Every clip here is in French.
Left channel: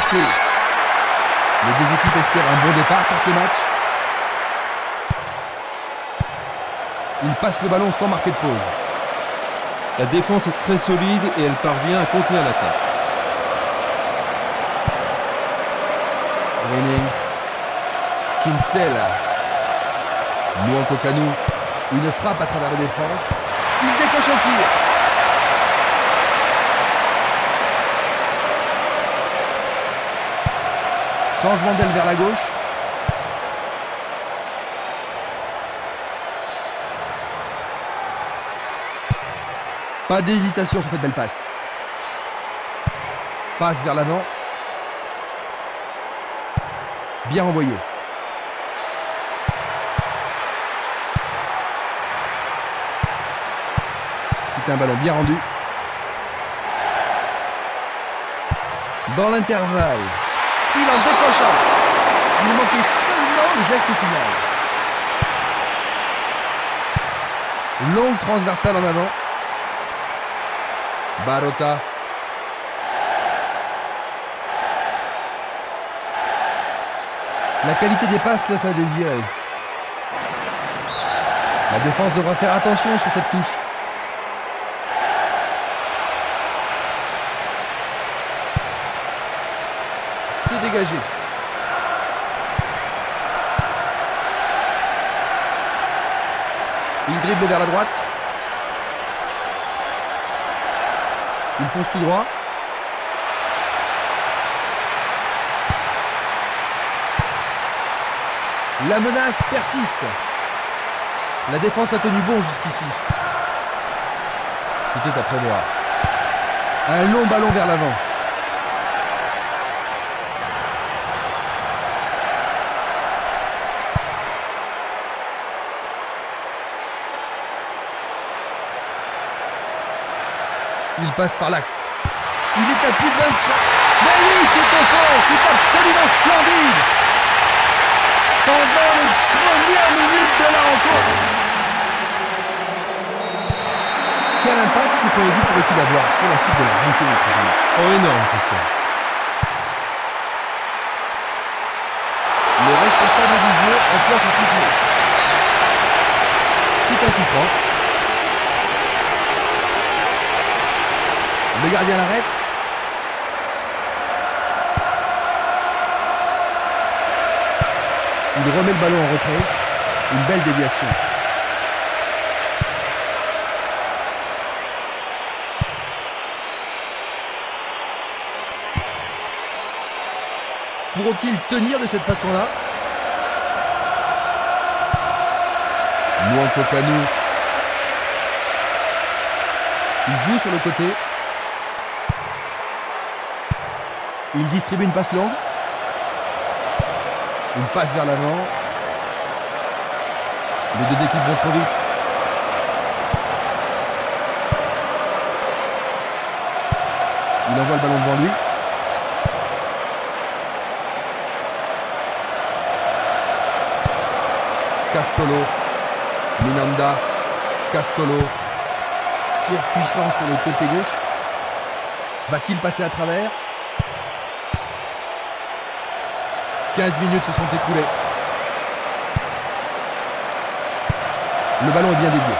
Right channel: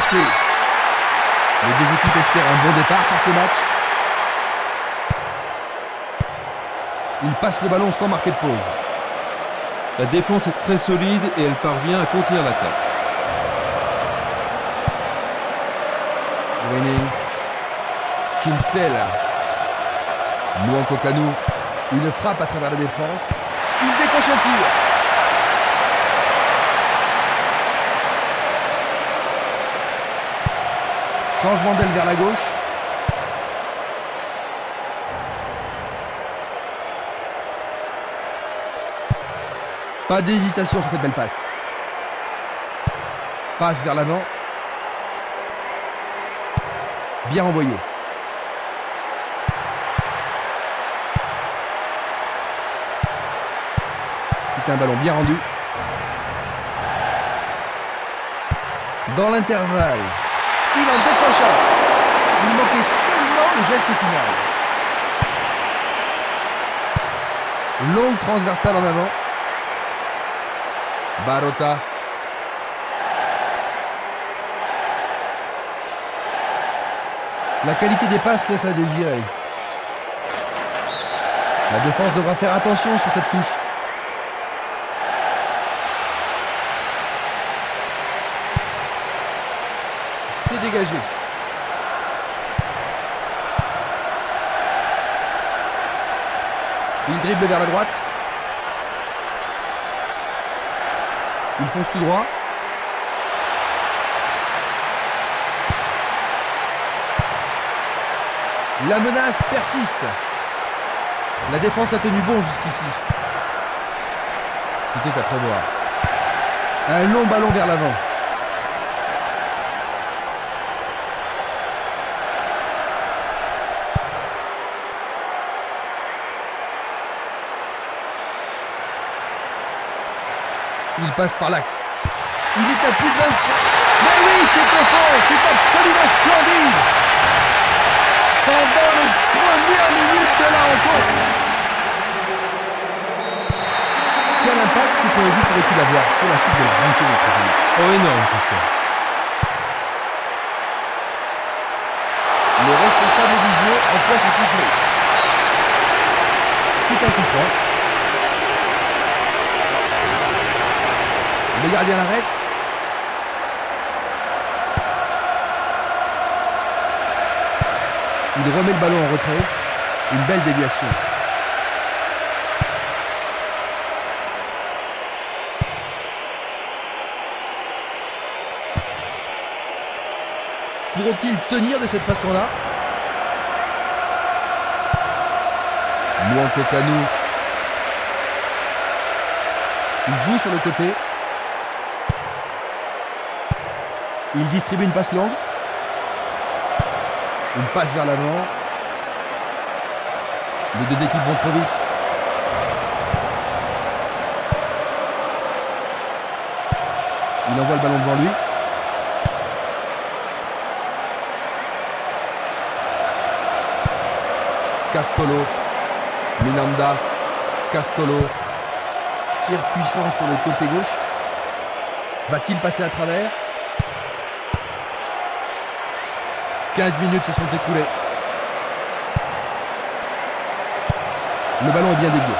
Les deux équipes espèrent un bon départ pour ce match. Il passe le ballon sans marquer de pause. La défense est très solide et elle parvient à contenir l'attaque. Greening. Kinsella. Nwankwo Kanu. Une frappe à travers la défense. Il décoche un tir. Changement d'aile vers la gauche. Pas d'hésitation sur cette belle passe. Passe vers l'avant. Bien envoyé. C'est un ballon bien rendu. Dans l'intervalle, il en décroche un. Il manquait seulement le geste final. Longue transversale en avant. Barota. La qualité des passes laisse à désirer. La défense devra faire attention sur cette touche. C'est dégagé. Il dribble vers la droite. Il fonce tout droit. La menace persiste. La défense a tenu bon jusqu'ici. C'était à prévoir. Un long ballon vers l'avant. Il passe par l'axe. Il est à plus de 20. Mais oui, c'est au fond. C'est absolument splendide. Pendant les premières minutes de la rencontre. Quel impact ce premier but pourrait-il avoir sur la suite de la rencontre? Oh, énorme, Christian. Le responsable du jeu emploie son sifflet. C'est un coup franc. Le gardien l'arrête. Il remet le ballon en retrait. Une belle déviation. Pourront-ils tenir de cette façon-là? Nwankwo Kanu. Il joue sur le côté. Il distribue une passe longue. Une passe vers l'avant. Les deux équipes vont trop vite. Il envoie le ballon devant lui. Castolo. Minanda. Castolo. Tir puissant sur le côté gauche. Va-t-il passer à travers? 15 minutes se sont écoulées. Le ballon est bien dévié.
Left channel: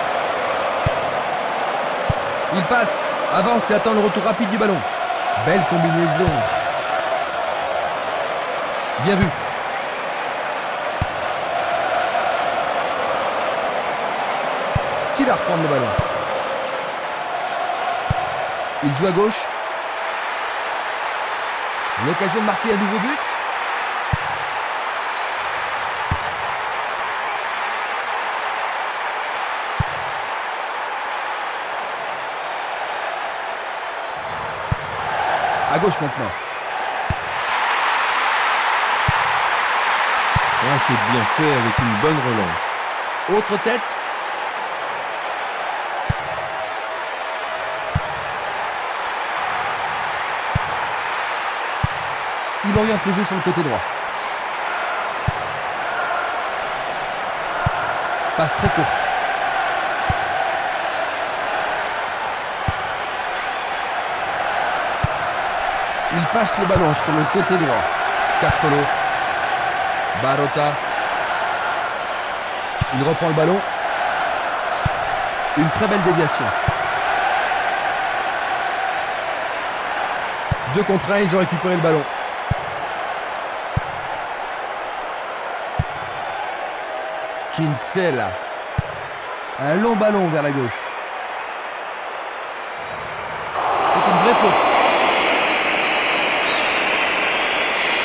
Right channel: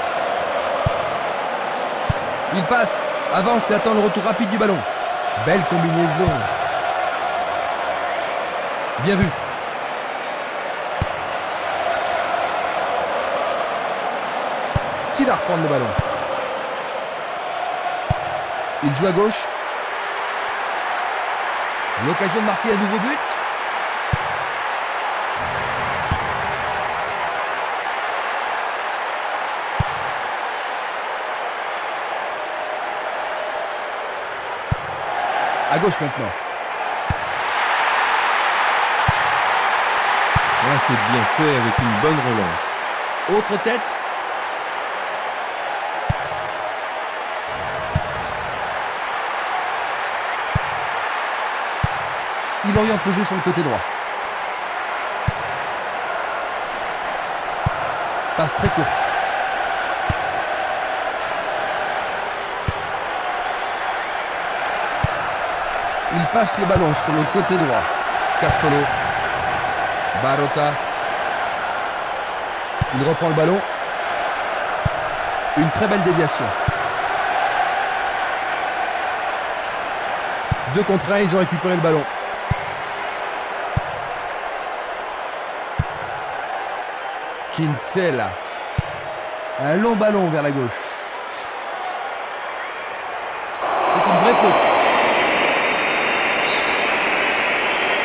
Il passe, avance et attend le retour rapide du ballon. Belle combinaison. Bien vu. Qui va reprendre le ballon? Il joue à gauche. L'occasion de marquer un nouveau but. À gauche maintenant. Ah, c'est bien fait avec une bonne relance. Autre tête. Il oriente le jeu sur le côté droit. Passe très courte. Il passe le ballon sur le côté droit. Castolo. Barota. Il reprend le ballon. Une très belle déviation. 2 contre 1, ils ont récupéré le ballon. Kinsella. Un long ballon vers la gauche. C'est une vraie faute.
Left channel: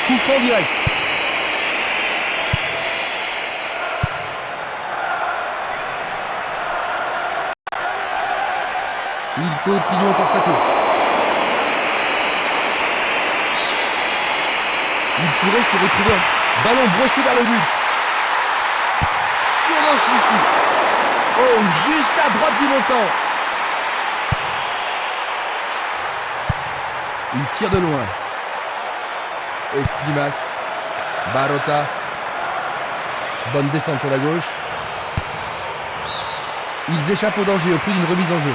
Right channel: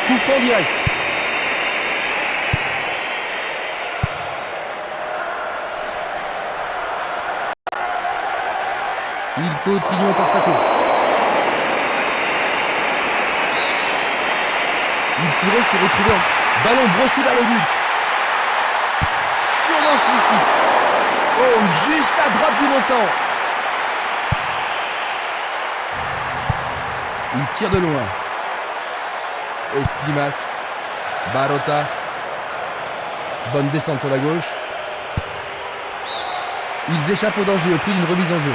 Coup franc direct. Il continue encore sa course. Il pourrait se retrouver en ballon brossé vers le but. Sûrement celui-ci. Oh, juste à droite du montant. Il tire de loin. Esquimas. Barota. Bonne descente sur la gauche. Ils échappent au danger au prix d'une remise en jeu.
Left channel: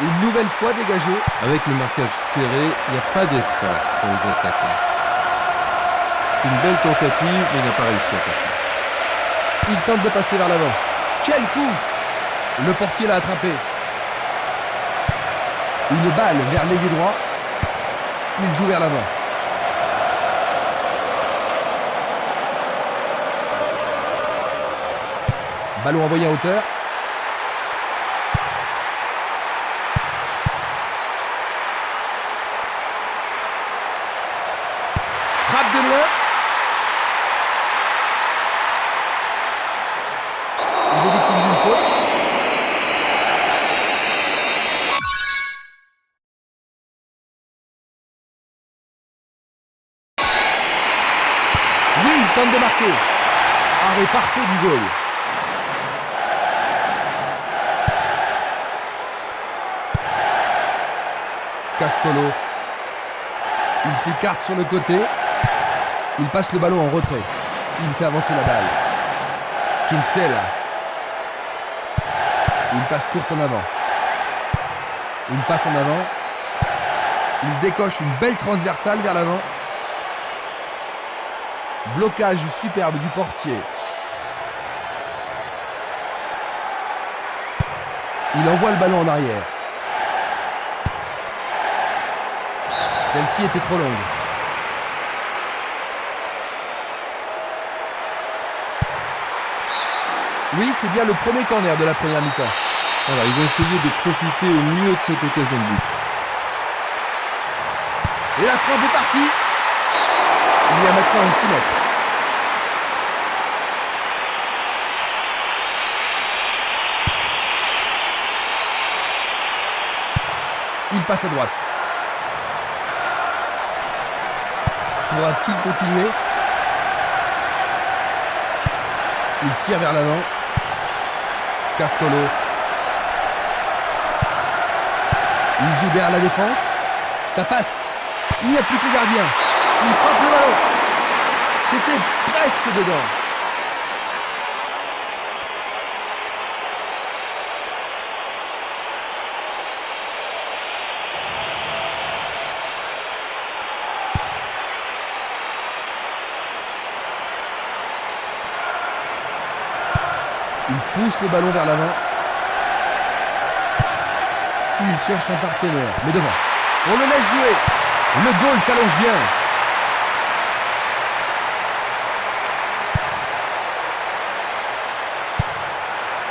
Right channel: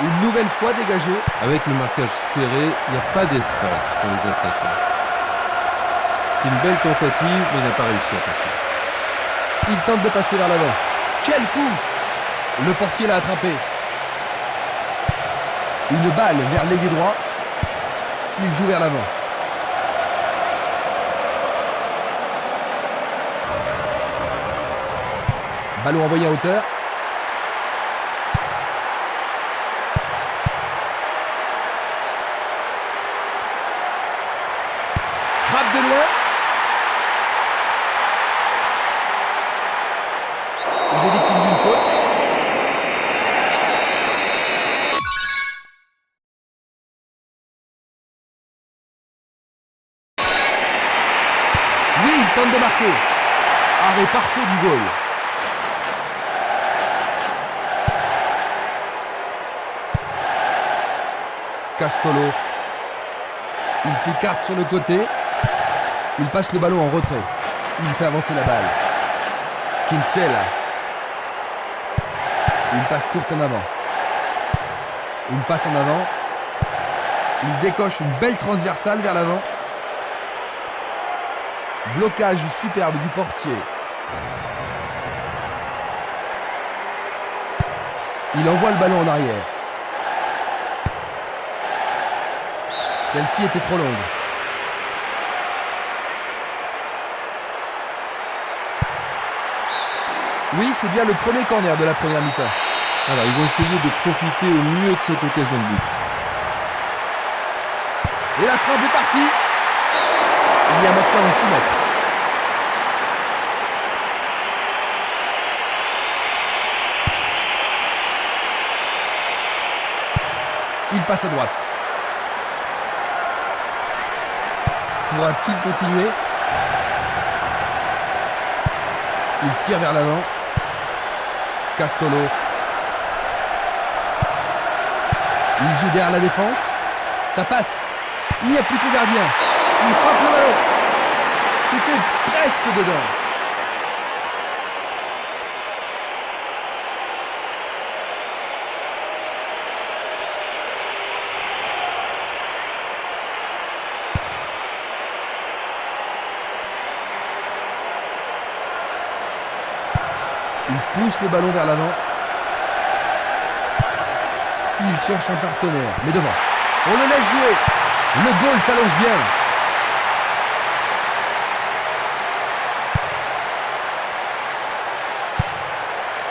Une nouvelle fois dégagé. Avec le marquage serré, il n'y a pas d'espace pour les attaquants. C'est une belle tentative, mais il n'a pas réussi à passer. Il tente de passer vers l'avant. Quel coup! Le portier l'a attrapé. Une balle vers l'ailier droit. Il joue vers l'avant. Ballon envoyé en hauteur. Frappe de loin. Il est victime d'une faute. Oui, il tente de marquer. Arrêt parfait du goal. Castolo. Il s'écarte sur le côté. Il passe le ballon en retrait. Il fait avancer la balle. Kinsella. Une passe courte en avant. Une passe en avant. Il décoche une belle transversale vers l'avant. Blocage superbe du portier. Il envoie le ballon en arrière. Celle-ci était trop longue. Oui, c'est bien le premier corner de la première mi-temps. Alors, ils vont essayer de profiter au mieux de cette occasion de but. Et la frappe est partie. Il y a maintenant un 6 mètres. Il passe à droite. Pourra-t-il continuer? Il tire vers l'avant. Castolo. Il joue derrière la défense. Ça passe. Il n'y a plus que le gardien. Il frappe le ballon. C'était presque dedans. Il pousse le ballon vers l'avant. Il cherche un partenaire, mais devant. On le laisse jouer. Le goal s'allonge bien.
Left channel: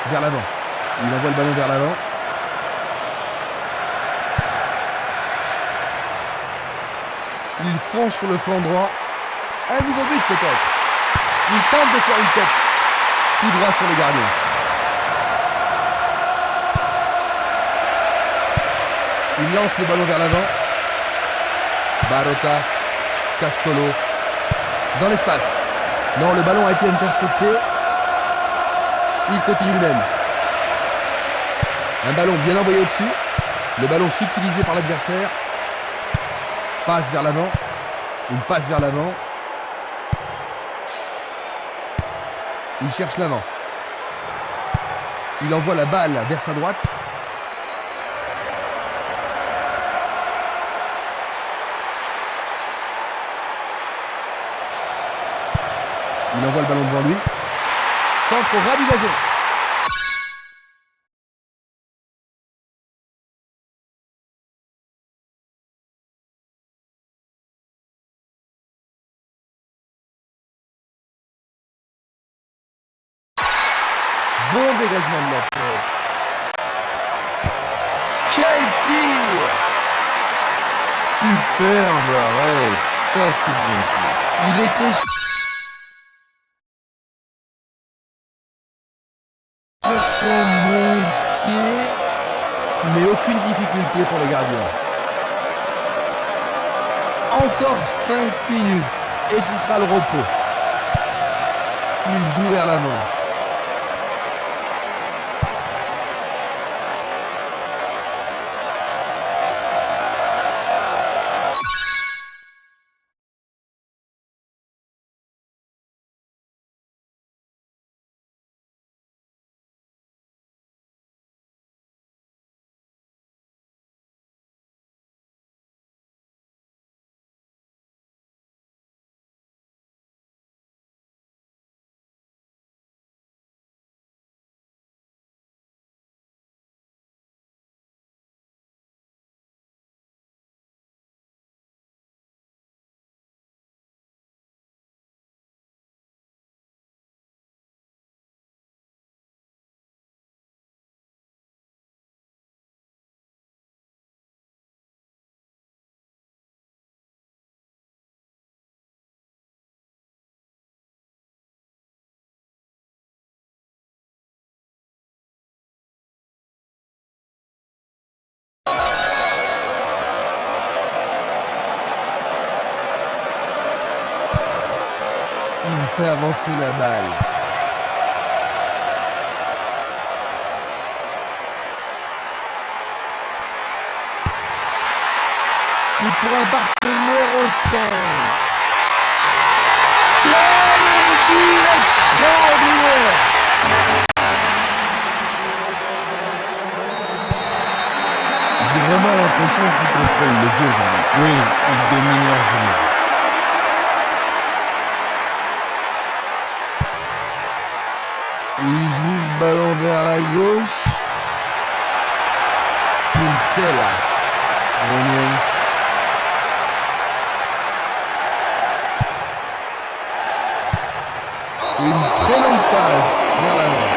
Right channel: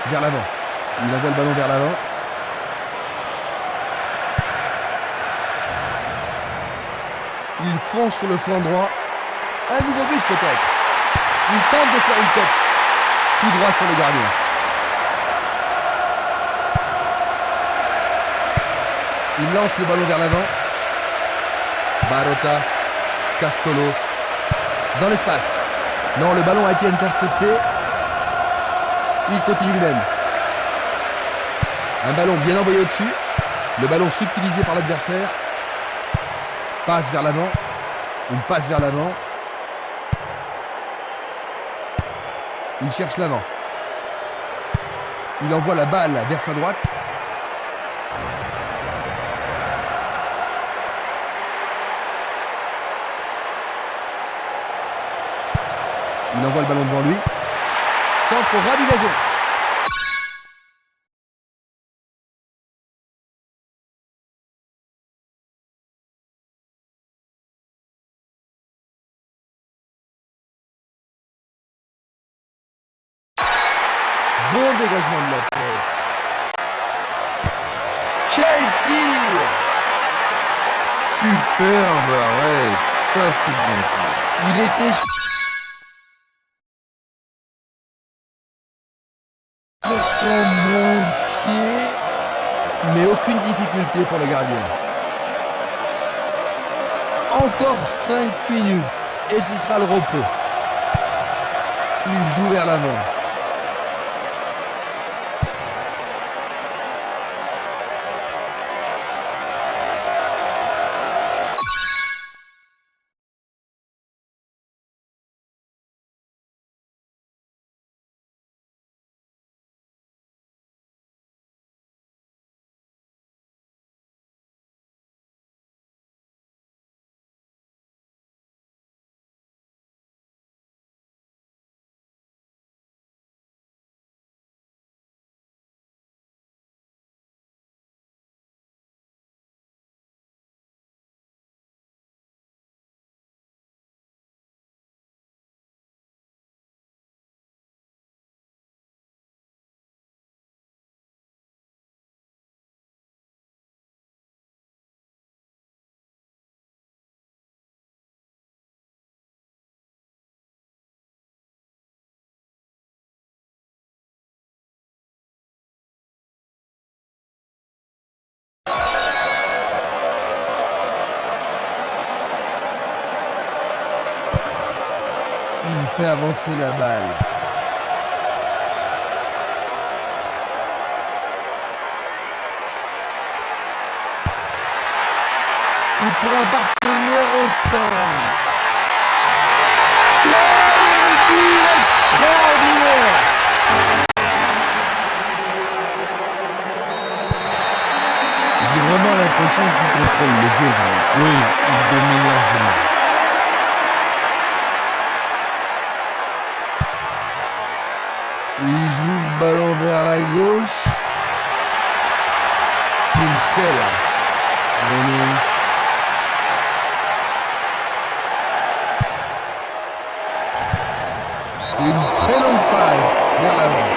Vers l'avant. Il envoie le ballon vers l'avant. Il fonce sur le flanc droit. Un nouveau but peut-être. Il tente de faire une tête. Tout droit sur le gardien. Il lance le ballon vers l'avant. Barota. Castolo. Dans l'espace. Non, le ballon a été intercepté. Il continue lui-même. Un ballon bien envoyé au-dessus. Le ballon subtilisé par l'adversaire. Passe vers l'avant. Une passe vers l'avant. Il cherche l'avant. Il envoie la balle vers sa droite. Il envoie le ballon devant lui. Centre au ras du gazon. Bon dégagement de la tête. Quel tir! Superbe arrêt. Ça, c'est bien fait. Il était sur son bon pied, mais aucune difficulté pour le gardien. Encore 5 minutes et ce sera le repos. Il joue vers l'avant. Il fait avancer la balle. C'est pour un partenaire au centre. Quel but extraordinaire! J'ai vraiment l'impression qu'il contrôle le jeu. Oui, il domine largement. Il joue le ballon vers la gauche. Kinsella. René. Une très longue passe vers l'avant.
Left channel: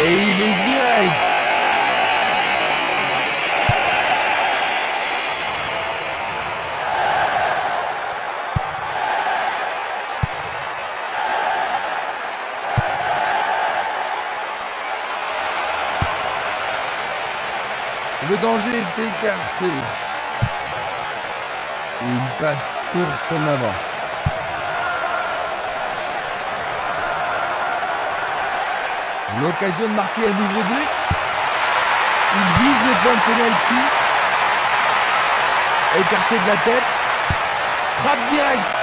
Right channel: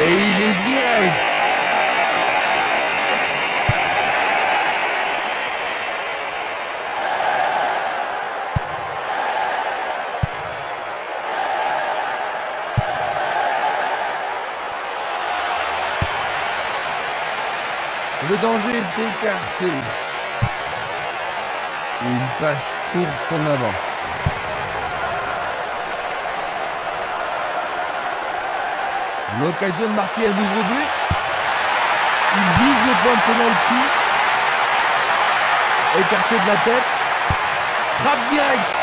Et il est direct. Le danger est écarté. Une passe courte en avant. L'occasion de marquer un nouveau but. Il vise le point de pénalty. Écarté de la tête. Frappe directe.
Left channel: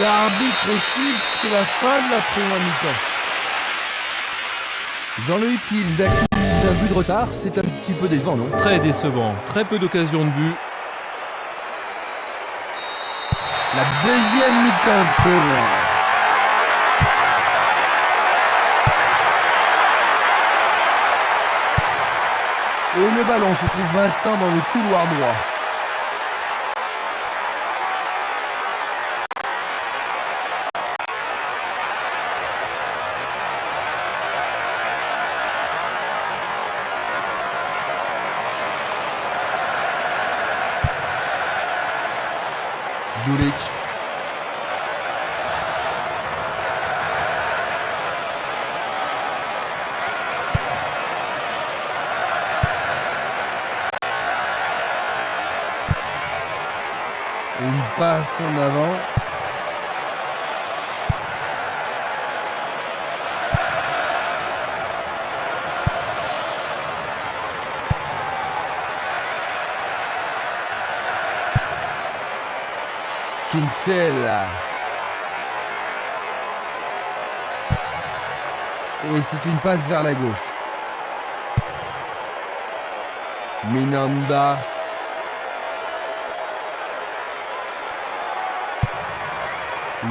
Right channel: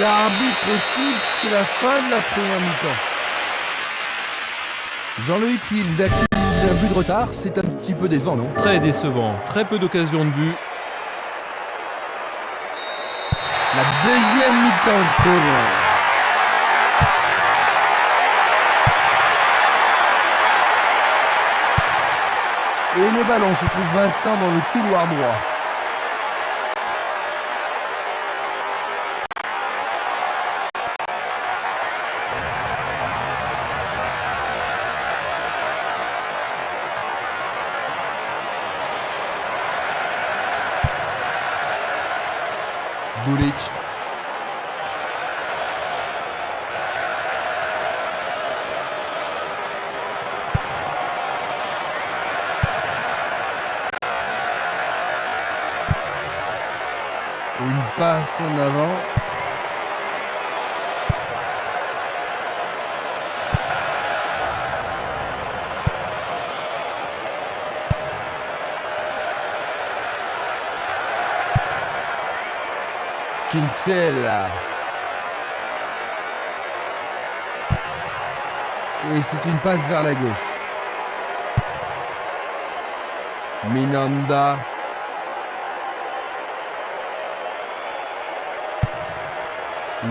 L'arbitre siffle, c'est la fin de la première mi-temps. Jean-Luc, ils accusent un but de retard, c'est un petit peu décevant, non? Très décevant, très peu d'occasions de but. La deuxième mi-temps commence. Et le ballon se trouve maintenant dans le couloir droit. Dulic. Une passe en avant. Kinsella. Et c'est une passe vers la gauche. Minanda.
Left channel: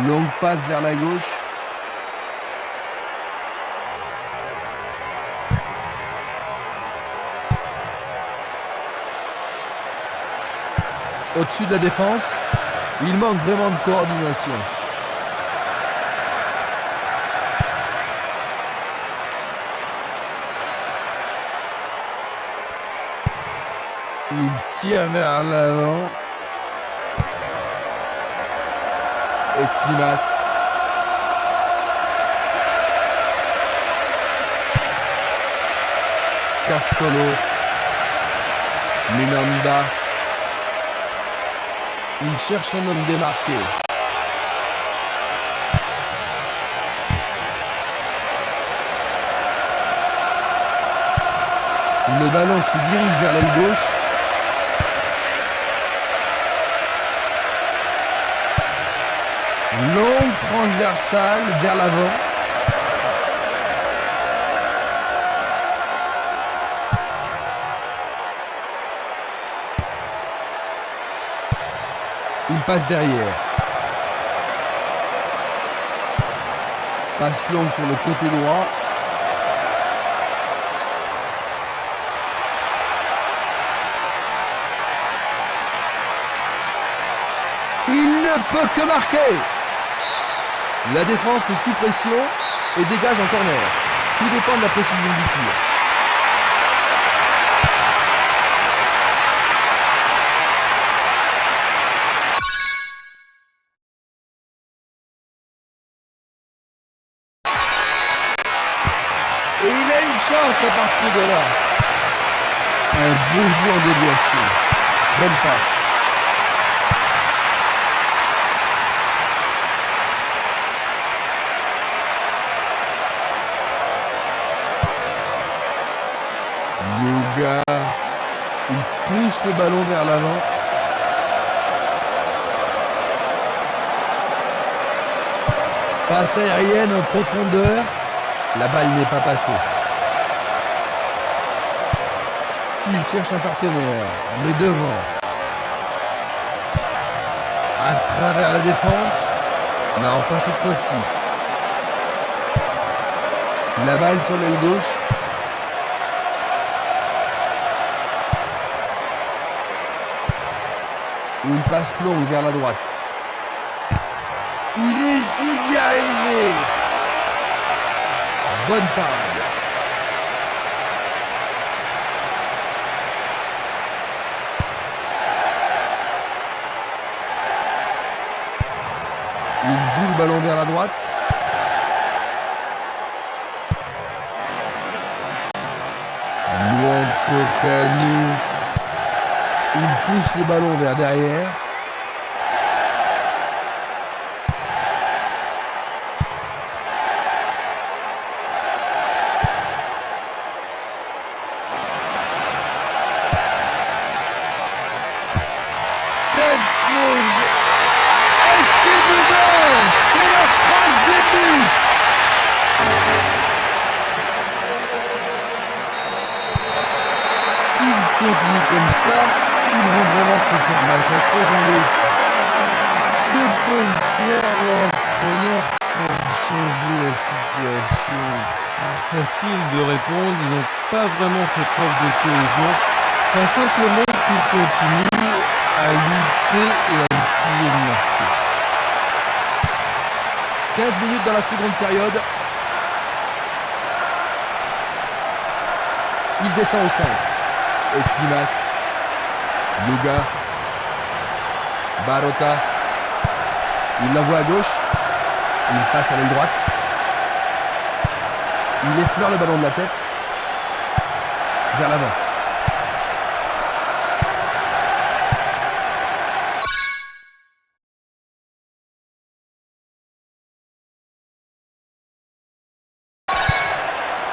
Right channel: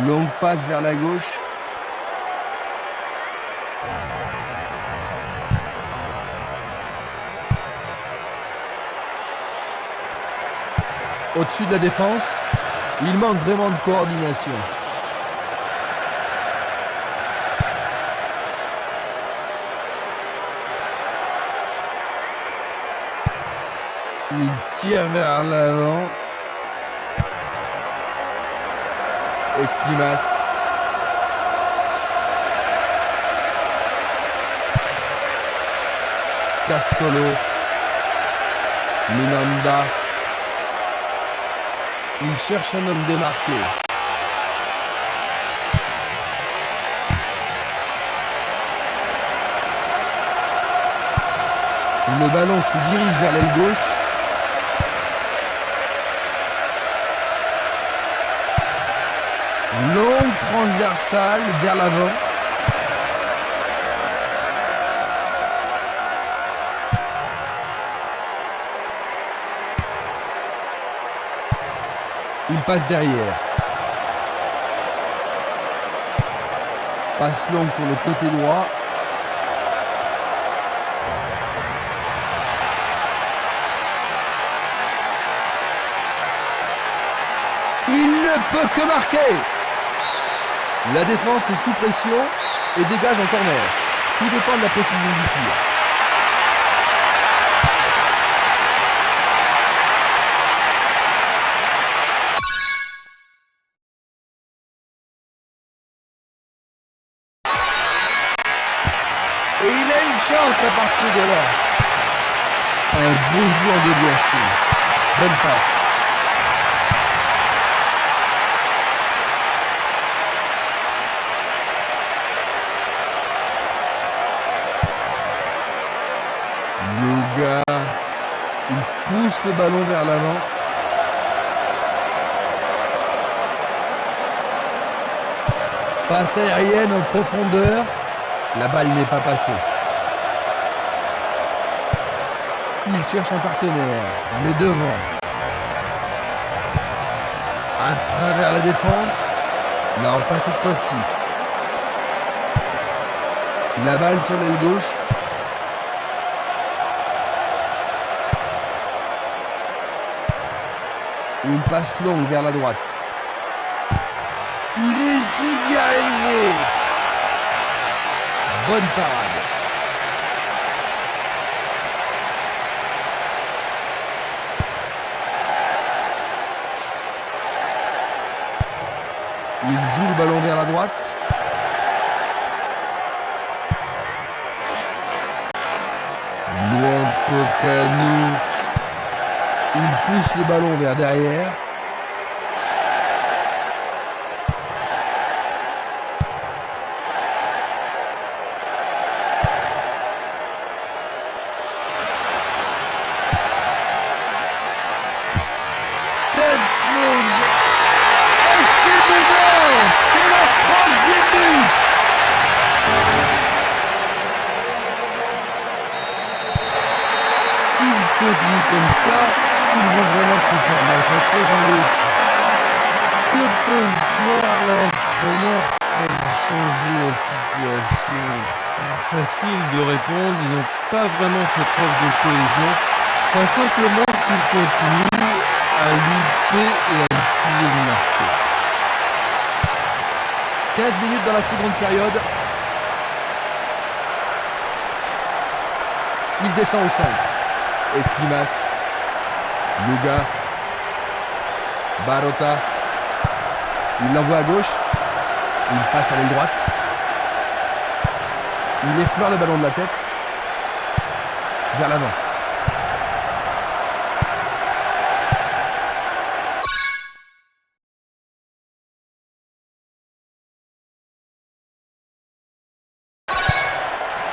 Longue passe vers la gauche. Au-dessus de la défense, il manque vraiment de coordination. Il tire vers l'avant. Esprimas. Castolo. Minanda. Il cherche un homme démarqué. Le ballon se dirige vers l'aile gauche. Longue transversale vers l'avant. Il passe derrière. Passe longue sur le côté droit. Il ne peut que marquer. La défense est sous pression et dégage en corner. Tout dépend de la précision du tir. Et il a une chance à partir de là. Un beau jeu en déviation. Bonne passe. Luga, il pousse le ballon vers l'avant. Passe aérienne en profondeur. La balle n'est pas passée. Il cherche un partenaire, mais devant. À travers la défense. Non, pas cette fois-ci. La balle sur l'aile gauche. Une passe longue vers la droite. Il essaie d'y arriver. Bonne parade. Il joue le ballon vers la droite. Luan Kokanu. Il pousse le ballon vers derrière. Tête longue. Et c'est dedans. C'est leur troisième but. S'ils continuent comme ça, ils vont vraiment se faire massacrer, Jean-Luc. Que peut faire l'entraîneur pour changer la situation? Facile de répondre, ils n'ont pas vraiment fait preuve de cohésion. Pas simplement qu'ils continuent à lutter et à essayer de marquer. 15 minutes dans la seconde période. Il descend au centre. Esprimas. Luga. Barota. Il l'envoie à gauche. Il passe à l'aile droite. Il effleure le ballon de la tête. Vers l'avant.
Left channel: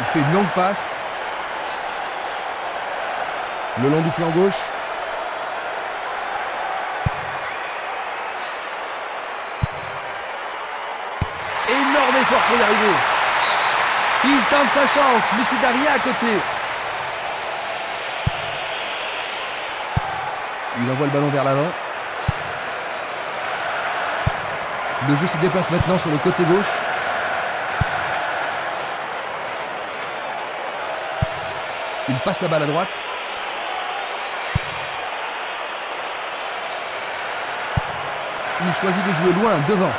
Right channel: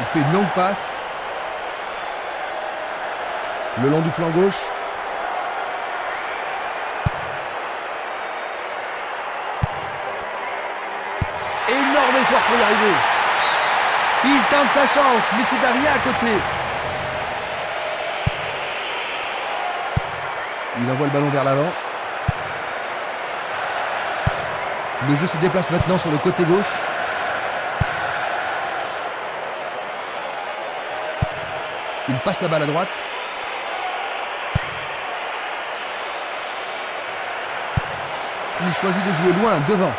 Il fait une longue passe. Le long du flanc gauche. fort pour y arriver. Il tente sa chance, mais c'est Daria à côté. Il envoie le ballon vers l'avant. Le jeu se déplace maintenant sur le côté gauche. Il passe la balle à droite. Il choisit de jouer loin, devant.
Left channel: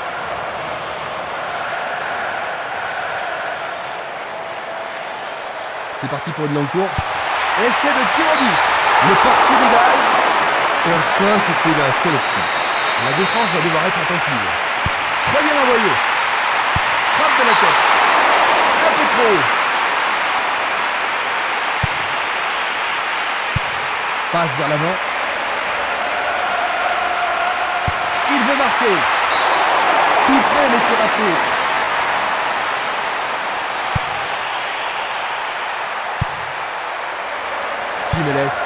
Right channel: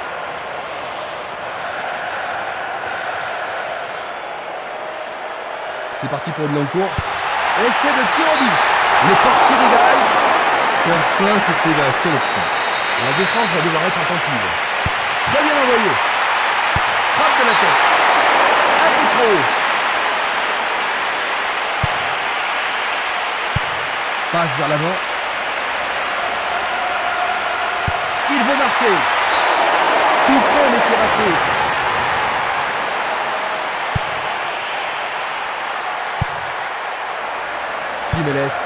C'est parti pour une longue course. Essai de tir au but. Le portier dégage. Faire ça, c'était la seule option. La défense va devoir être attentive. Très bien envoyé. Frappe de la tête. Un peu trop haut. Passe vers l'avant. Il veut marquer. Tout près, mais c'est raté. Simeles.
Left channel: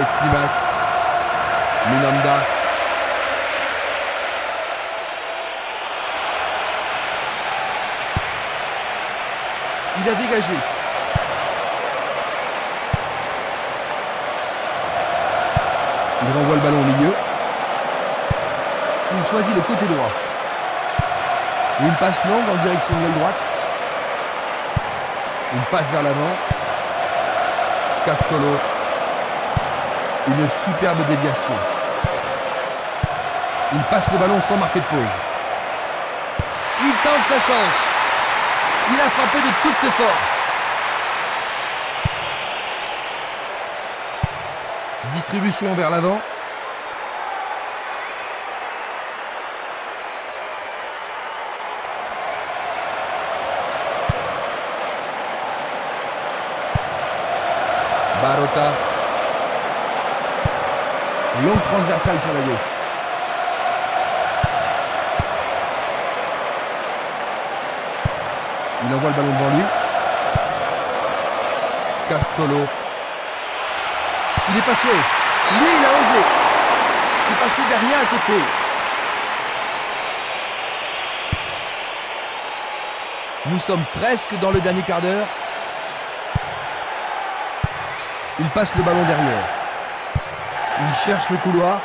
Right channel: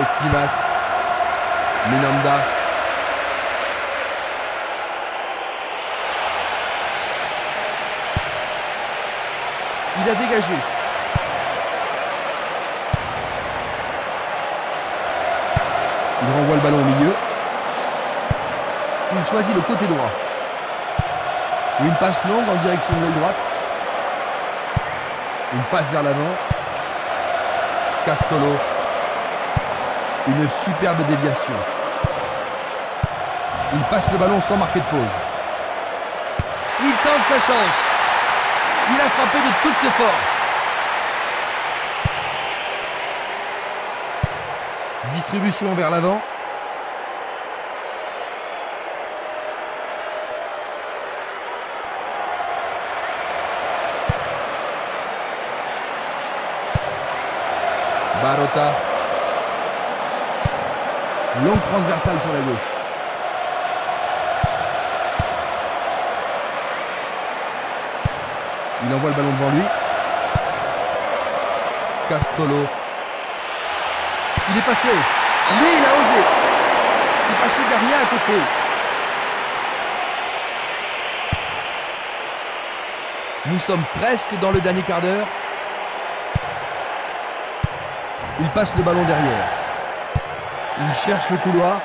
Esprimas. Minanda. Il a dégagé. Il renvoie le ballon au milieu. Il choisit le côté droit. Une passe longue en direction de l'aile droite. Une passe vers l'avant. Castolo. Une superbe déviation. Il passe le ballon sans marquer de pause. Il tente sa chance. Il a frappé de toutes ses forces. Distribution vers l'avant. Barota. Longue transversale sur la gauche. Il envoie le ballon devant lui. Castolo. Il est passé. Lui, il a osé. C'est passé derrière à côté. Nous sommes presque dans le dernier quart d'heure. Il passe le ballon derrière. Il cherche le couloir.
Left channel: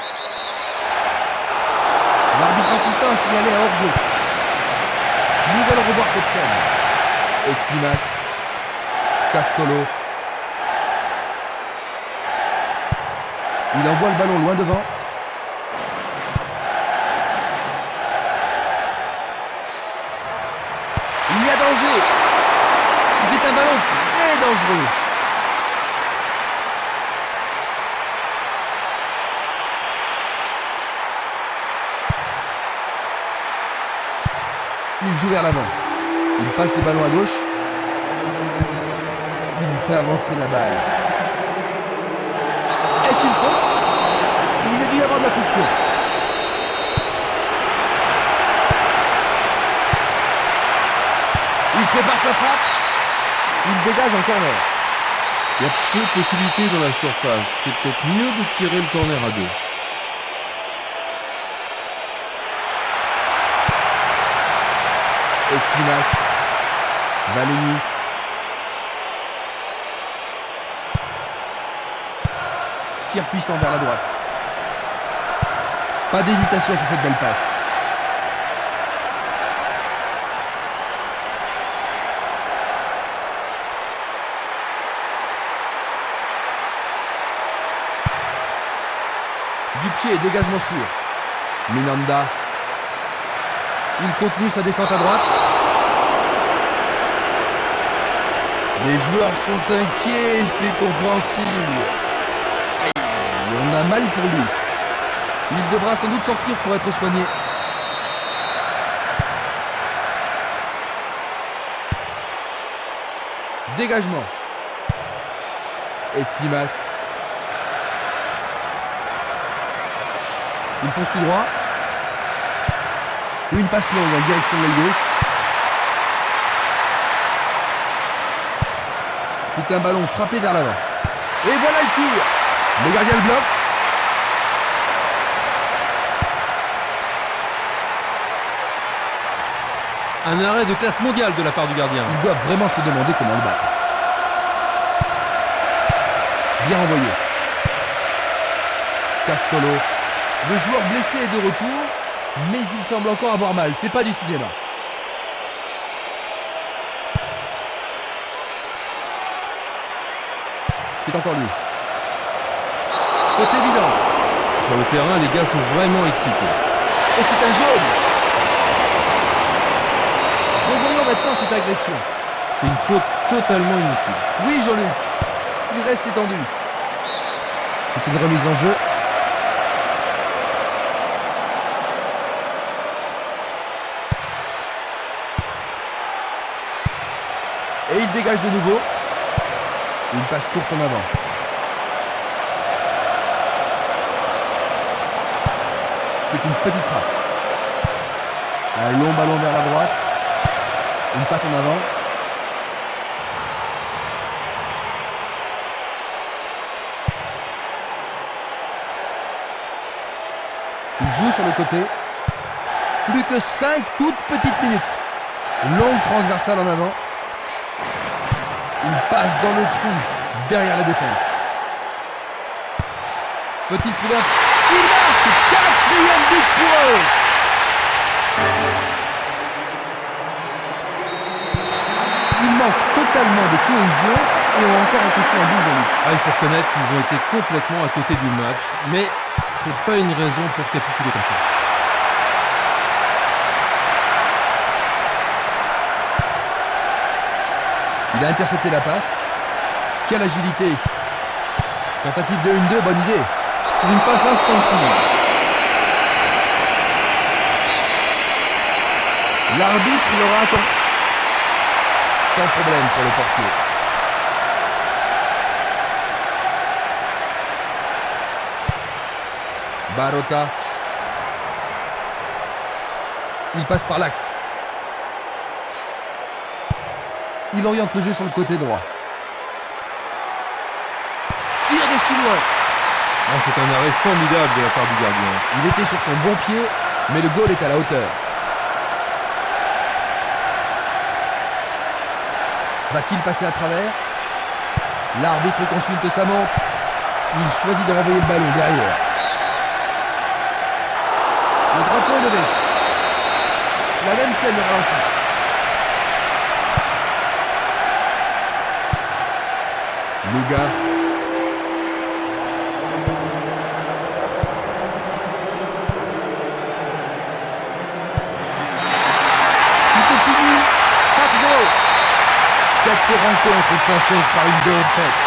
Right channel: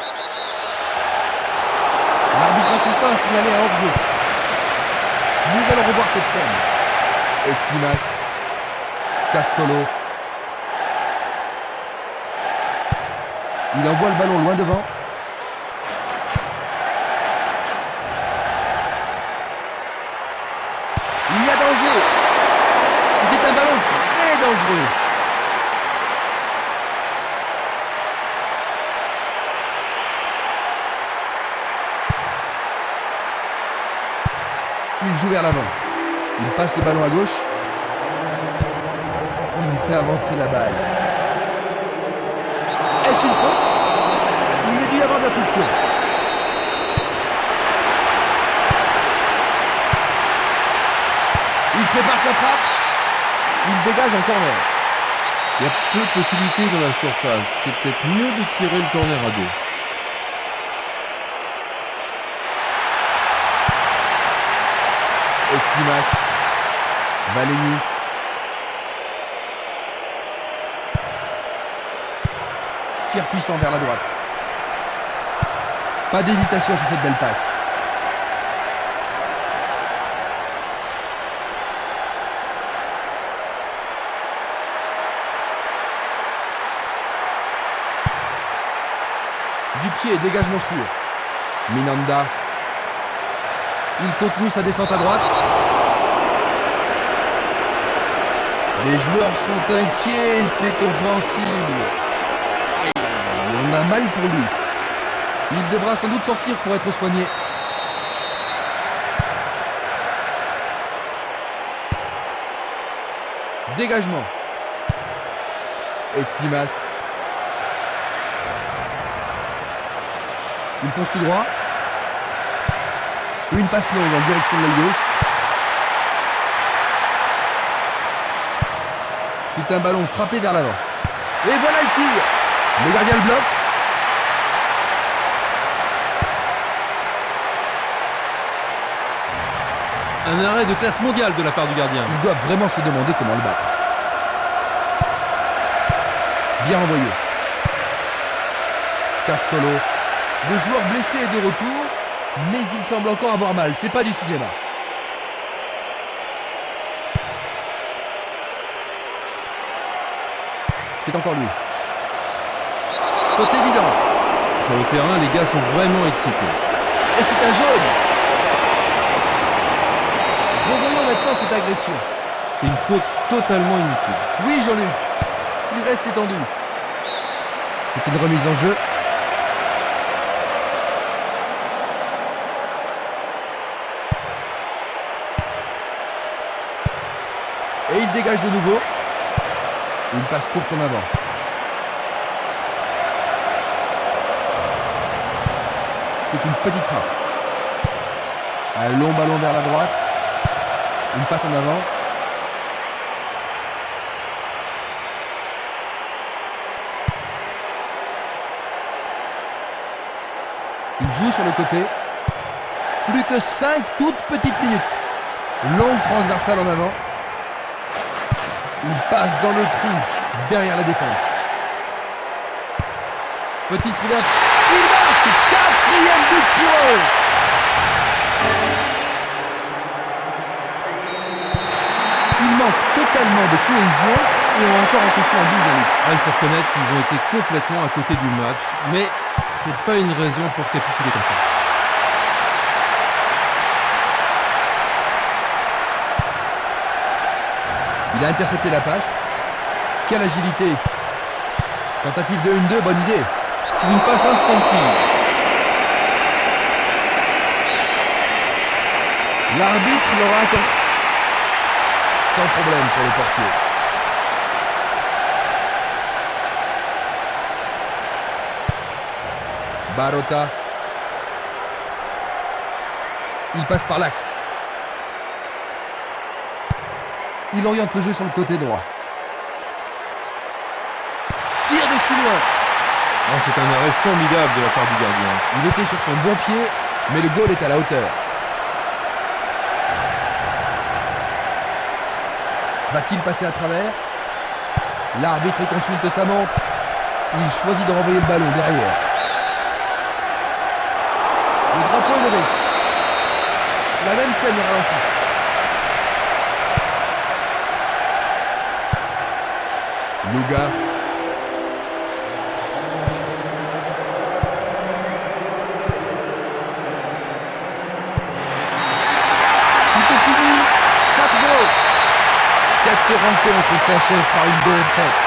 L'arbitre assistant a signalé un hors-jeu. Nous allons revoir cette scène. Esprimas. Castolo. Il envoie le ballon loin devant. Il y a danger. C'était un ballon très dangereux. Il joue vers l'avant. Il passe le ballon à gauche. Il fait avancer la balle. Est-ce une faute? Il y a dû y avoir de la friction. Il prépare sa frappe. Il dégage en corner. Il y a peu de possibilités dans la surface. C'est peut-être mieux de tirer le corner à deux. Esprimas. Valeni. Tir puissant vers la droite. Pas d'hésitation sur cette belle passe. Du pied, dégagement sûr. Minanda. Il continue sa descente à droite. Les joueurs sont inquiets, c'est compréhensible. Aïe, on a mal pour lui. Il devra sans doute sortir pour être soigné. Dégagement. Esprimas. Il fonce tout droit. Une passe longue en direction de l'aile gauche. C'est un ballon frappé vers l'avant. Et voilà le tir. Le gardien le bloque. Un arrêt de classe mondiale de la part du gardien. Ils doivent vraiment se demander comment le battre. Bien envoyé. Castolo. Le joueur blessé est de retour, mais il semble encore avoir mal. C'est pas du cinéma. C'est encore lui. Faute évidente. Sur le terrain, les gars sont vraiment excités. Et c'est un jaune. Revoyons maintenant cette agression. C'était une faute totalement inutile. Oui, Jean-Luc. Il reste étendu. C'est une remise en jeu. Et il dégage de nouveau. Une passe courte en avant. C'est une petite frappe. Un long ballon vers la droite. Une passe en avant. Il joue sur le côté. Plus que 5 toutes petites minutes. Longue transversale en avant. Il passe dans le trou derrière la défense. Petite ouverte. Il marque! 4e but pour eux! Ils manquent totalement de cohésion et ont encore encaissé un but, Jean-Luc. Il faut reconnaître qu'ils ont été complètement à côté du match, mais c'est pas une raison pour capituler comme ça. Il a intercepté la passe. Quelle agilité! Tentative de 1-2, bonne idée. C'est une passe instinctive. L'arbitre l'aura accordé. Sans problème pour le portier. Barota. Il passe par l'axe. Il oriente le jeu sur le côté droit. Tire de si loin. Oh, c'est un arrêt formidable de la part du gardien. Il était sur son bon pied, mais le goal est à la hauteur. Va-t-il passer à travers? L'arbitre consulte sa montre. Il choisit de renvoyer le ballon derrière. Le drapeau est levé. La même scène au ralenti. Luga. Tout est fini. 4-0. Cette rencontre s'achève par une défaite.